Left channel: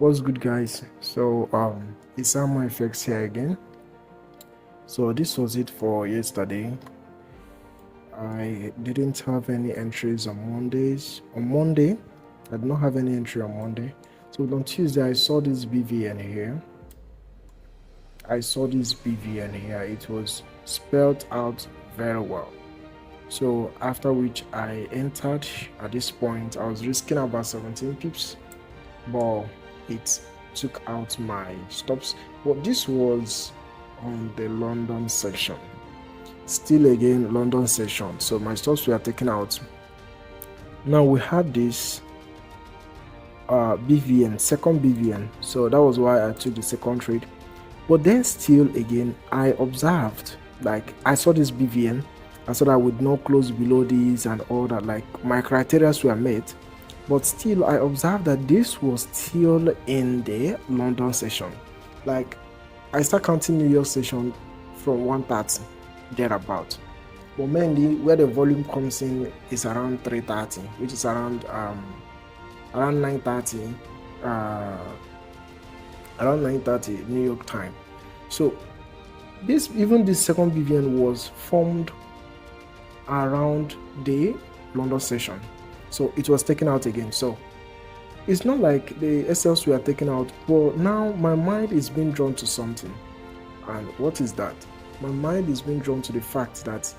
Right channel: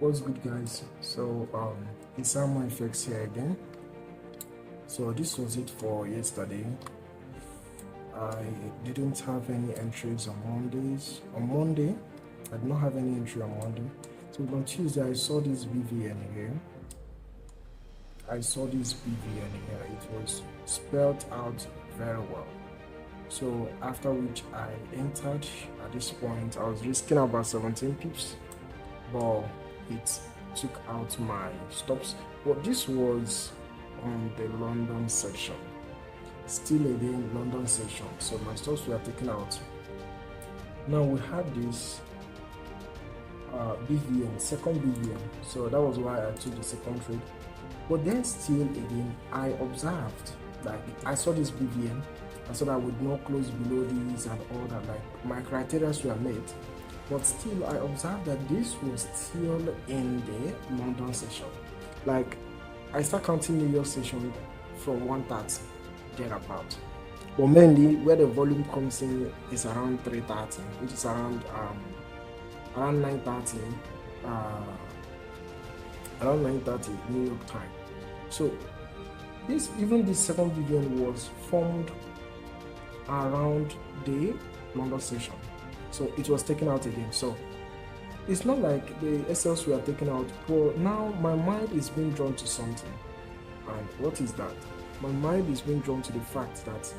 What's good, guys? So it's Samo effects here again. So this was it for yesterday. I didn't have any entries on Mondays. On Monday, I did not have any entry on Monday. So on Tuesday, I saw this BVN here. It was spelled out very well. So after which I entered. At this point, I was risking about 17 pips, but it took out my stops. But this was on the London section. Still again, London section. So my stops were taken out. Now we had this BVN, second BVN. So that was why I took the second trade. But then still again, I observed, like I saw this BVN. I saw that I would not close below these and all that, like my criteria were met. But still, I observed that this was still in the London session. Like, I start counting New York session from 130, thereabout. But mainly, where the volume comes in is around 330, which is around 930, around 930 New York time. So, this second BVN was formed around the London session. So it was taken out again. So it's not like the SLs were taken out, but now my mind is being drawn to something. And what is that? My mind is being drawn to the fact that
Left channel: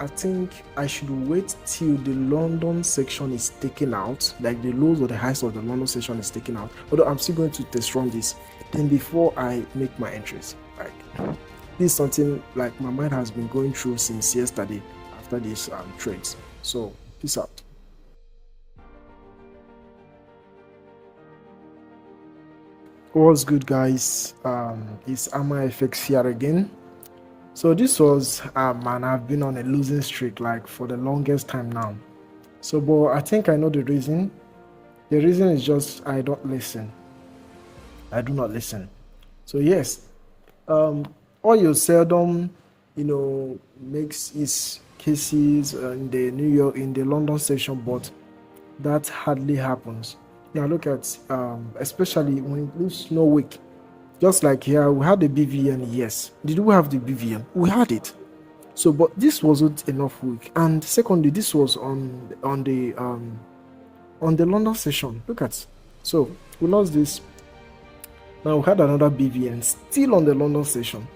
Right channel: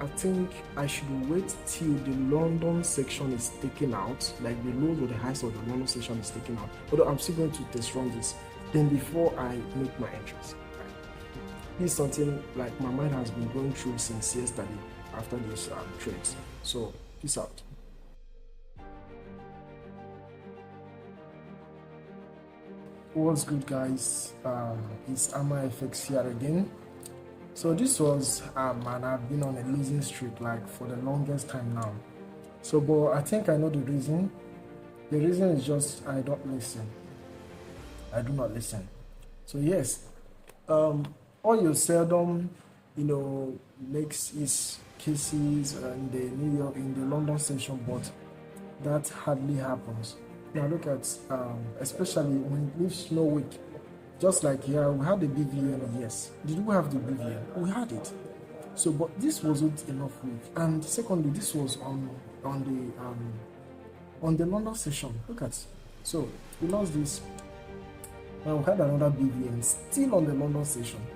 I think I should wait till the London section is taken out, like the lows or the highs of the London section is taken out. Although I'm still going to test run this, then before I make my entries. Like, this is something like my mind has been going through since yesterday after these trades. So peace out. What's good, guys? It's Ama FX here again. So this was man, I've been on a losing streak like for the longest time now. So but I think I know the reason. The reason is just I don't listen. I do not listen. So yes, oil seldom makes its cases in the in the London session, but that hardly happens. Now look at especially when it leaves snow week, just like here we had the BVN. Yes, did we have the BVN? We had it. So but this wasn't enough week, and secondly this was on the London session. Look at, so we lost this. Now we had another BVN still on the London session.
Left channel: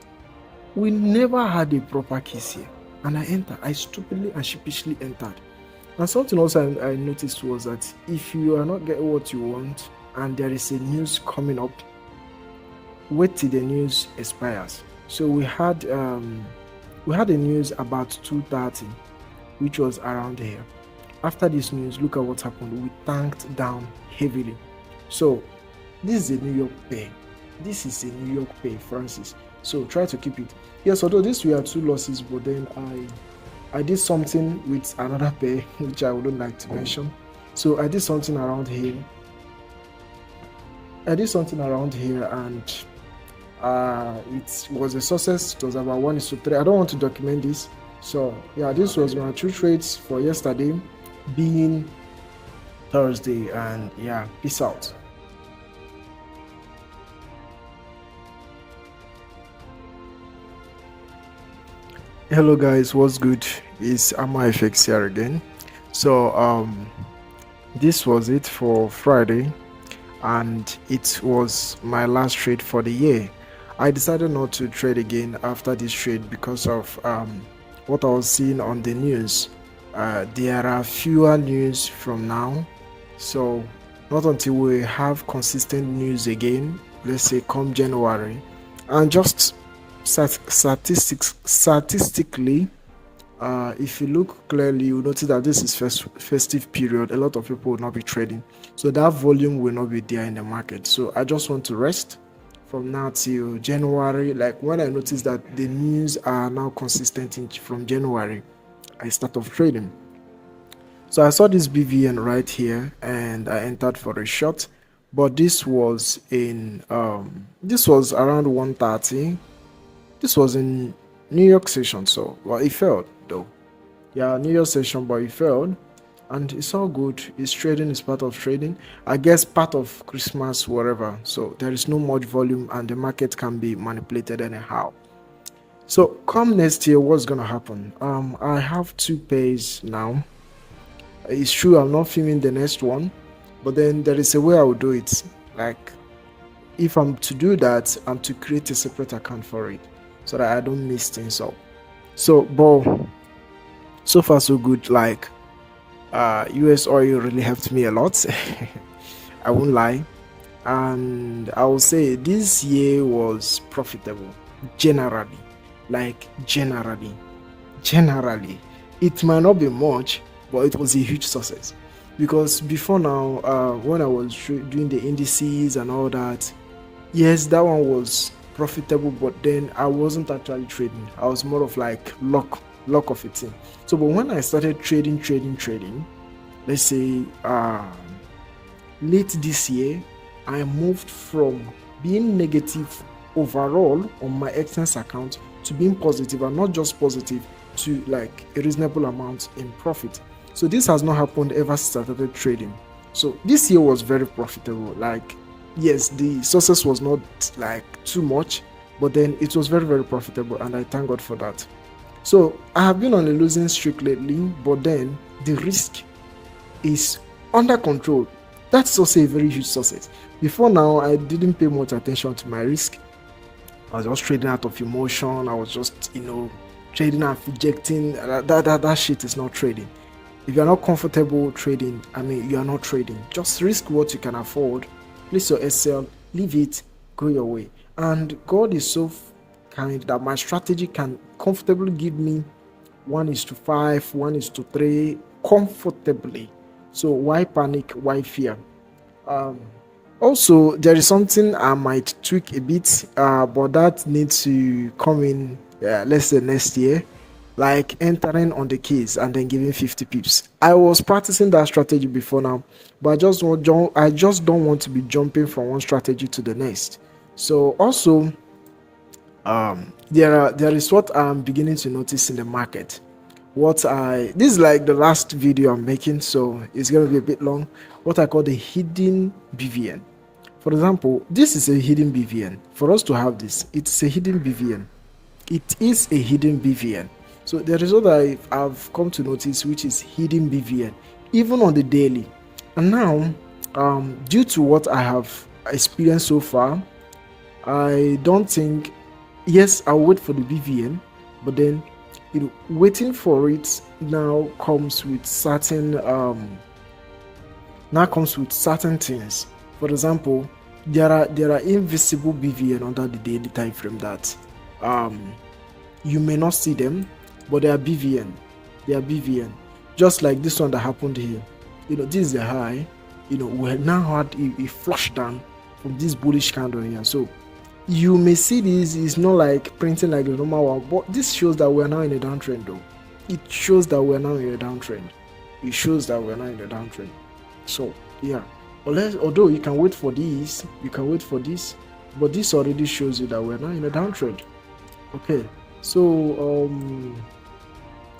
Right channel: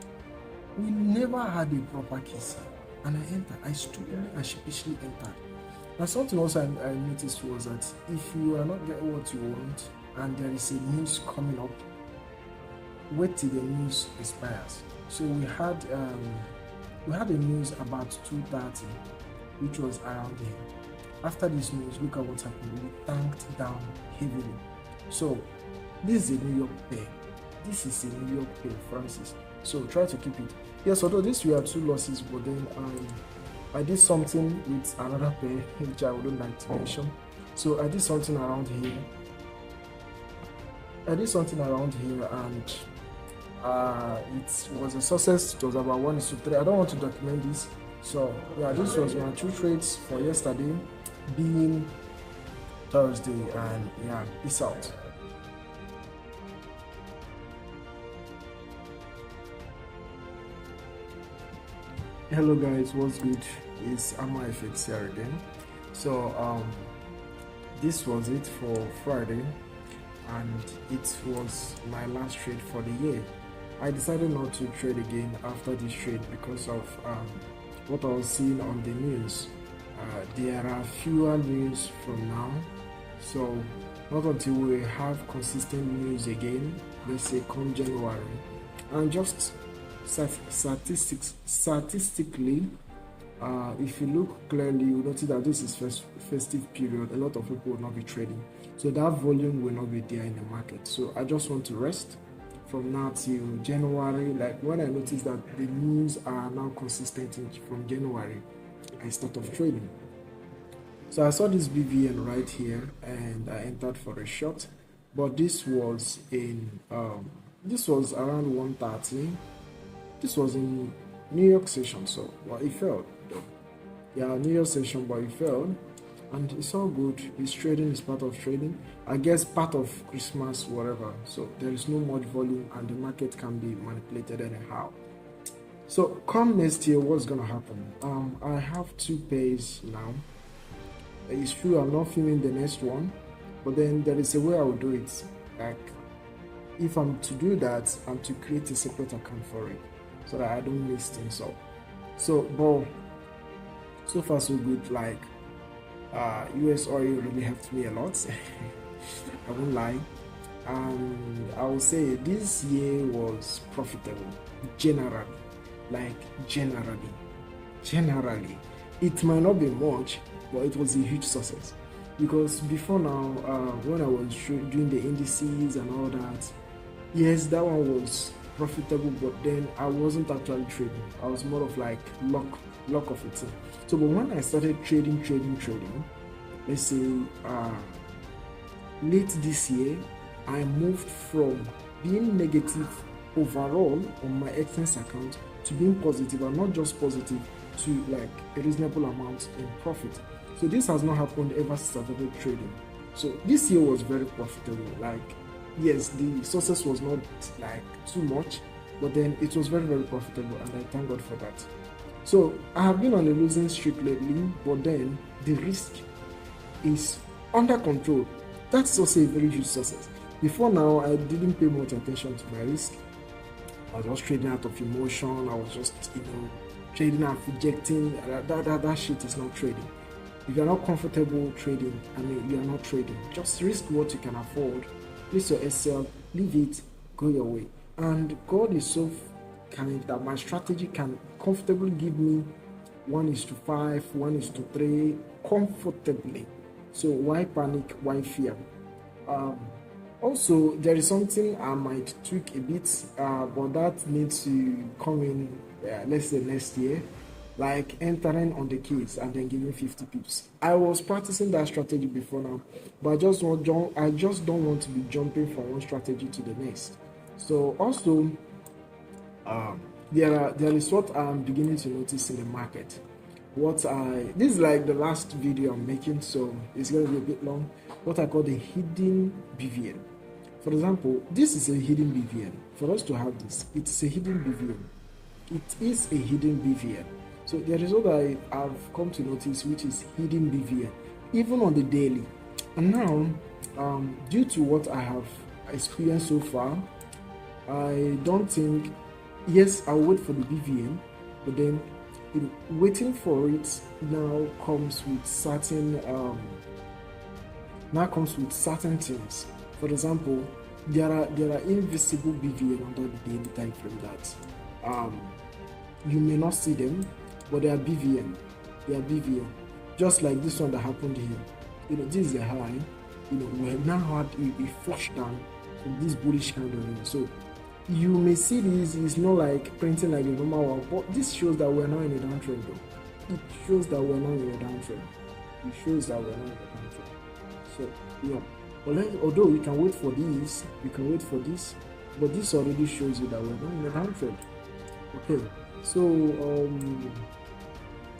We never had a proper case here, and I stupidly and sheepishly entered. And something also I noticed was that if you are not getting what you want and there is a news coming up, wait till the news expires. So we had a news about 2:30, which was around here. After this news, look at what happened. We tanked down heavily. So this is a New York pair. This is a New York pair, Francis. So try to keep it. Yes, although these were 2 losses, but then I did something with another pair, which I wouldn't like to mention. So I did something around here. And it was a success. It was about 1:3. I don't want to document this. So yeah, this was my 2 trades for yesterday, being Thursday, and yeah, peace out. Hello guys, what's good? It's Ama FX here again. So this was it for Friday, and it was my last trade for the year. I decided not to trade again after this trade because of what I was seeing on the news. There are fewer news from now, so not until we have consistent news again, let's say come January, and just statistically, if you look clearly, you notice that this is festive period. A lot of people will not be trading, so that volume will not be there in the market. So I just want to rest from now till January. Like when I notice that the news are now consistent from January, I start off trading. So I saw this BVN right here and I entered for a short, but this was in this was around 1:30. This was in New York session, so well, it failed though. Yeah, New York session, but it failed. and it's all good. It's trading, is part of trading. I guess part of Christmas, whatever. So there is no much volume, and the market can be manipulated anyhow. So come next year, what's gonna happen? I have 2 pairs now. It's true I'm not filming the next one, but then there is a way I will do it. Like, if I'm to do that, I'm to create a separate account for it so that I don't miss things up. So, but so far so good. Like, US oil really helped me a lot. I won't lie. And I will say this year was profitable generally. Like, generally. It might not be much, but it was a huge success. Because before now, when I was doing the indices and all that, yes, that one was profitable, but then I wasn't actually trading. I was more of like luck of a thing. So, but when I started trading, let's say late this year, I moved from being negative overall on my expense account to being positive, and not just positive, to like a reasonable amount in profit. So this has not happened ever since I started trading. So this year was very profitable. Like, yes, the success was not like too much, but then it was very, very profitable, and I thank God for that. So I have been on a losing streak lately, but then the risk is under control. That's also a very huge success. Before now, I didn't pay much attention to my risk. I was just trading out of emotion. I was just, trading and projecting. That shit is not trading. If you're not comfortable trading, you are not trading. Just risk what you can afford. Place your SL, leave it, go your way. And God is so kind that my strategy can comfortably give me 1:5, 1:3 comfortably. So why panic? Why fear? Also, there is something I might tweak a bit, but that needs to come in, let's say next year, like entering on the case and then giving 50 pips. I was practicing that strategy before now, but I just don't want to be jumping from one strategy to the next. So also, there is what I'm beginning to notice in the market. This is like the last video I'm making, so it's going to be a bit long. What I call the hidden BVN. For example, this is a hidden BVN. For us to have this, it's a hidden BVN. It is a hidden BVN. So there is what I've come to notice, which is hidden BVN, even on the daily. And now, due to what I have experienced so far, I don't think, yes, I'll wait for the BVN, but then waiting for it now comes with certain things. For example, there are invisible BVN under the daily time frame that you may not see them, but they are BVN. Just like this one that happened here. This is a high. We have now had a flush down from this bullish candle here. So you may see this is not like printing like the normal one, but this shows that we're now in a downtrend though. It shows that we're now in a downtrend. So yeah, although you can wait for this, but this already shows you that we're now in a downtrend. Okay, so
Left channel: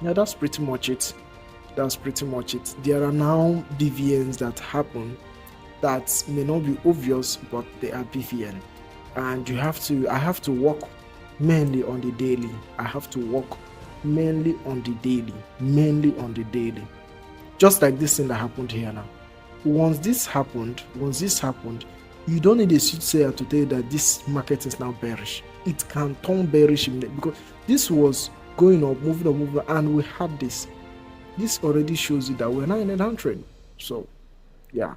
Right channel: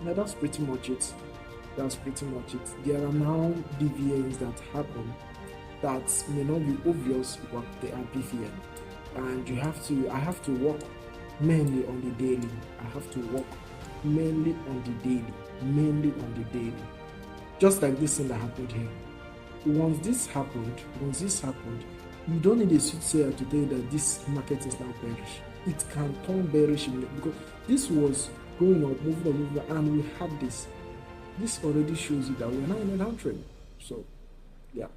yeah, that's pretty much it. There are now BVNs that happen that may not be obvious, but they are BVN. And I have to work mainly on the daily. Mainly on the daily. Just like this thing that happened here now. Once this happened, you don't need a soothsayer to tell you that this market is now bearish. It can turn bearish because this was going up, moving up, and we had this. This already shows you that we're now in a downtrend. So, yeah.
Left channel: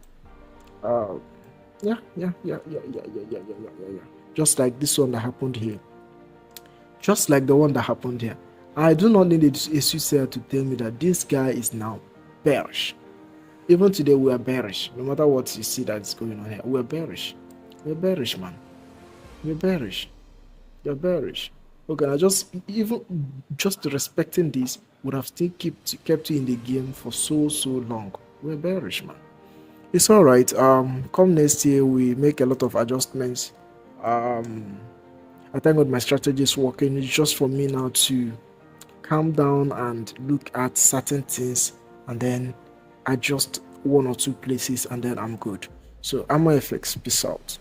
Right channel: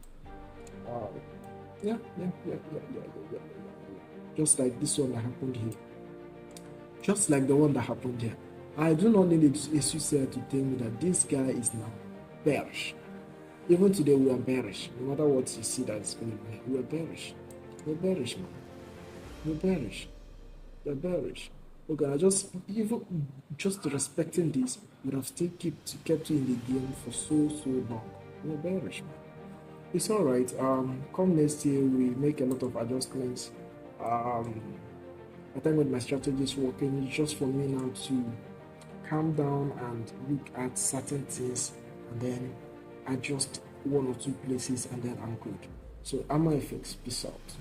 Yeah. Just like this one that happened here. Just like the one that happened here. I do not need a soothsayer to tell me that this guy is now bearish. Even today we are bearish. No matter what you see that is going on here, we're bearish. We're bearish, man. We're bearish. You're bearish. Okay, I just respecting this would have still kept you in the game for so long. We're bearish, man. It's all right. Come next year, we make a lot of adjustments. I thank God my strategy is working. It's just for me now to calm down and look at certain things and then adjust one or two places, and then I'm good. So Amor FX, peace out.